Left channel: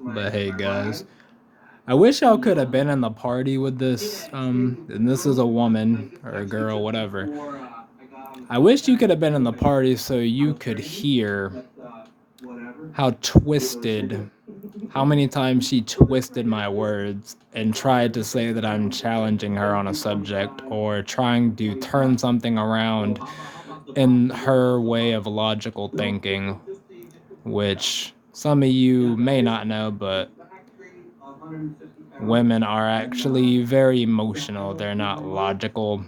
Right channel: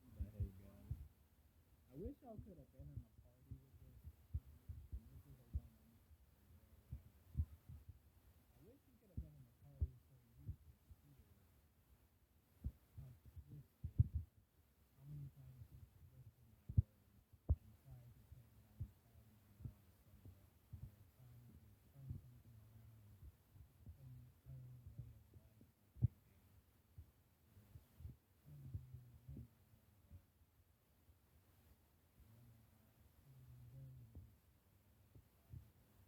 But hey, guys, I wish y'all could have been in the party with this. And this is a woman or a girl, whatever. I wish you could have been in the party so you could hear how twisted, how many times she twisted my words and tried to say that I'm challenging her on a subject or trying to turn something around in her way of logical thinking, which some of you may not know, but women are actually very emotional. They're not logical,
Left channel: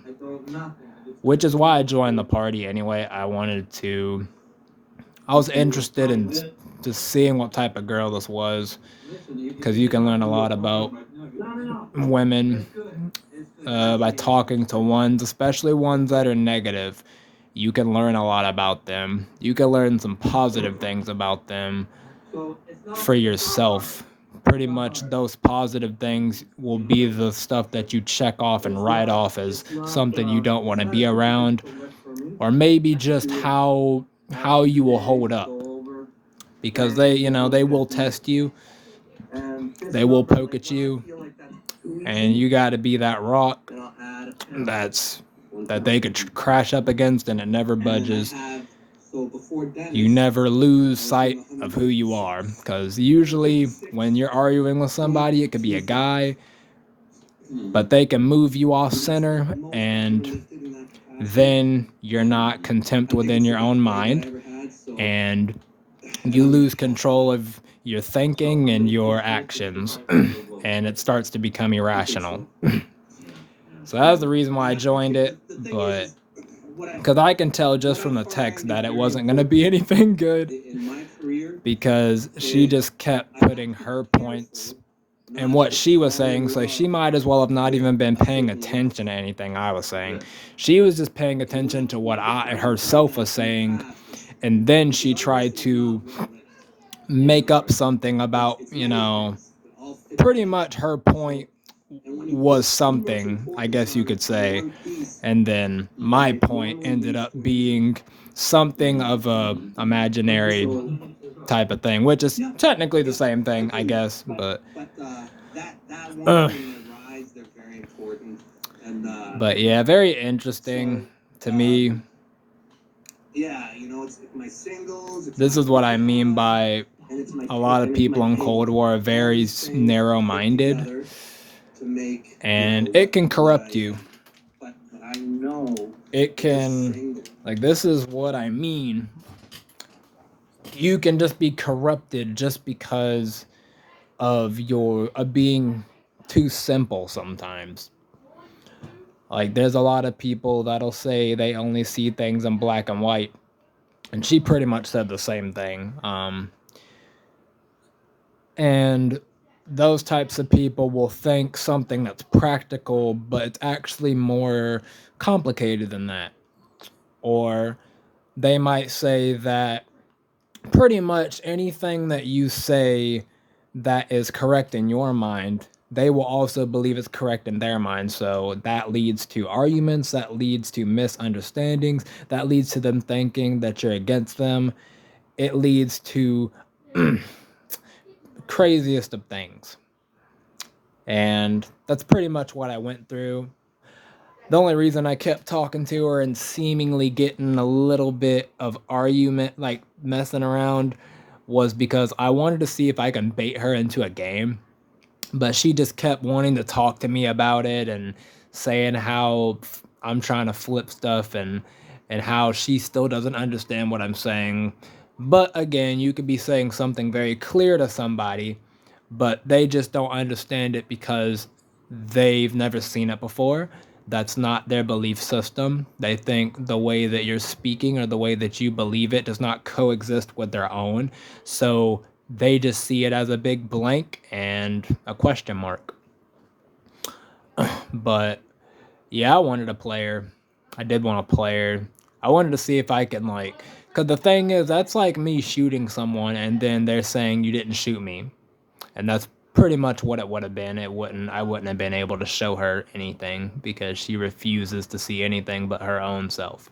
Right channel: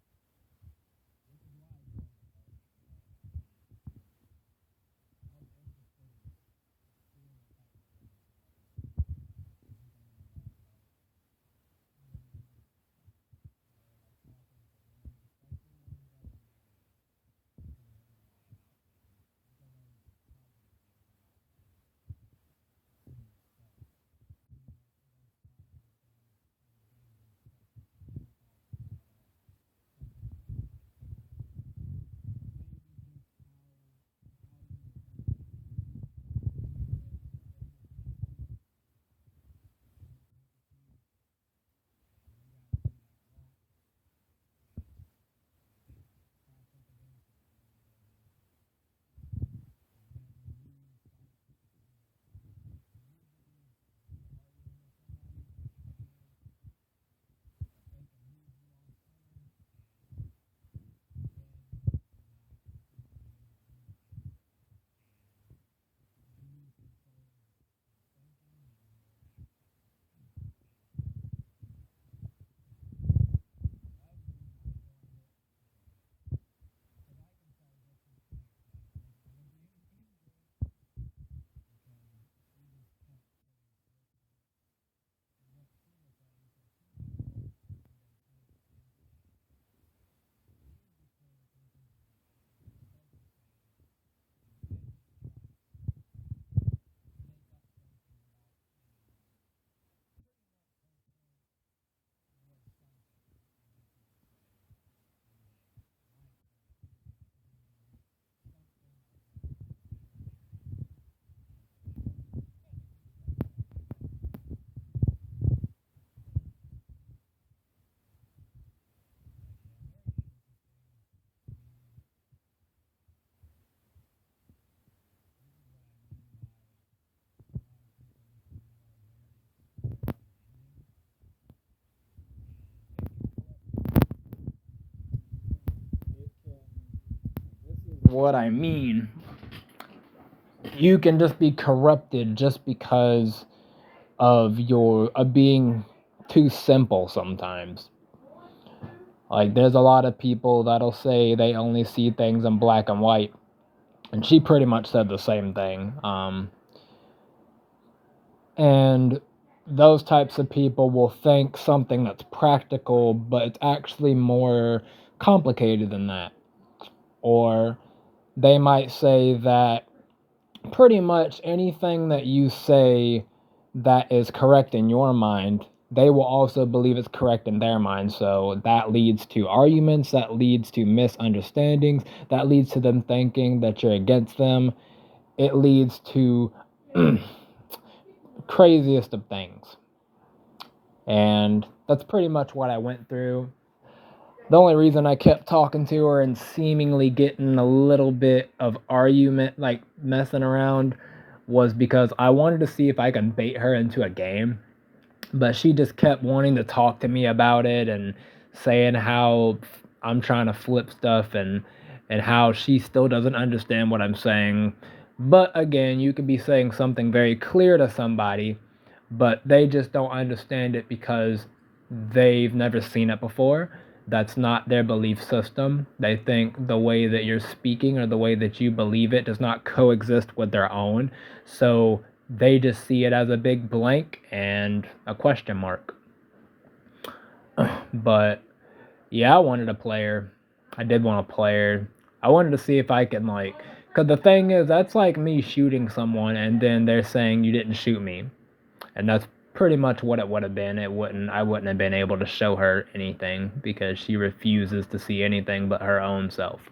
which is why I joined the party anyway. I was interested in just seeing what type of girl this was because you can learn a lot about women by talking to ones, especially ones that are negative. You can learn a lot about them. You can learn some positive things about them for yourself. Pretty much those positive things will be the stuff that you check off and write off as something you don't want to be around, or maybe just how you will hold up, because they will test you, they will poke at you, and you got to be that rock that's that they could crash up against and it never budges. You never lose sight of who you are, because usually when you're arguing with somebody, it could be a guy, but they can move you off center, and then you're not contempt within your own mind, and you lose control of your thinking and your actions, and it starts to become irrational. So that's the reason why I joined it, but because I can tell just from the text that it wasn't going to be anything good, because she just kept putting her points and what she was saying, so she might as well have not even been paying attention to anything I was saying. She was just paying attention to what I herself was saying, and then she tried to make up something about, pretty much her point was something, I guess you could say, and then my point ended up being something of a imaginary type of thing, which is technically the same thing, I guess, uh, but yeah, very interesting to me. This is what I mean by a lot of people in Cold War are very narrow-minded, and it can corrupt you. It can, like, this is what I mean. You can just be corrupted just because of your being too simple sometimes. Like, there's a lot of people that'll say they only see things in black and white, and she pretty much said the same thing. And those types of people will think something that's practical, but it's actually more complicated than that. Or they might say that pretty much anything that you say that is correct in your mind, they will also believe it's correct in their mind. So that leads to arguments, that leads to misunderstandings, that leads to them thinking that you're against them. It leads to craziest of things. And that's pretty much what I went through. The only reason I kept talking to her and seemingly getting a little bit of argument, like messing around, was because I wanted to see if I can bait her into a game. But she just kept wanting to talk to me about it and saying how I'm trying to flip stuff, and how she still doesn't understand what I'm saying. But again, you could be saying something very clear to somebody, but they just don't understand it because they've never seen it before. That's not their belief system. They think the way that you're speaking or the way that you believe it does not coexist with their own. So they just see it as a big blank and a question mark. But yeah, I wanted a player. I did want a player. I wanted to see if I can, like, because the thing is, that's like me shooting someone and then they're saying you didn't shoot me, and that's pretty much what it would have been. I wouldn't have been able to show her anything because she refuses to see anything but her own self.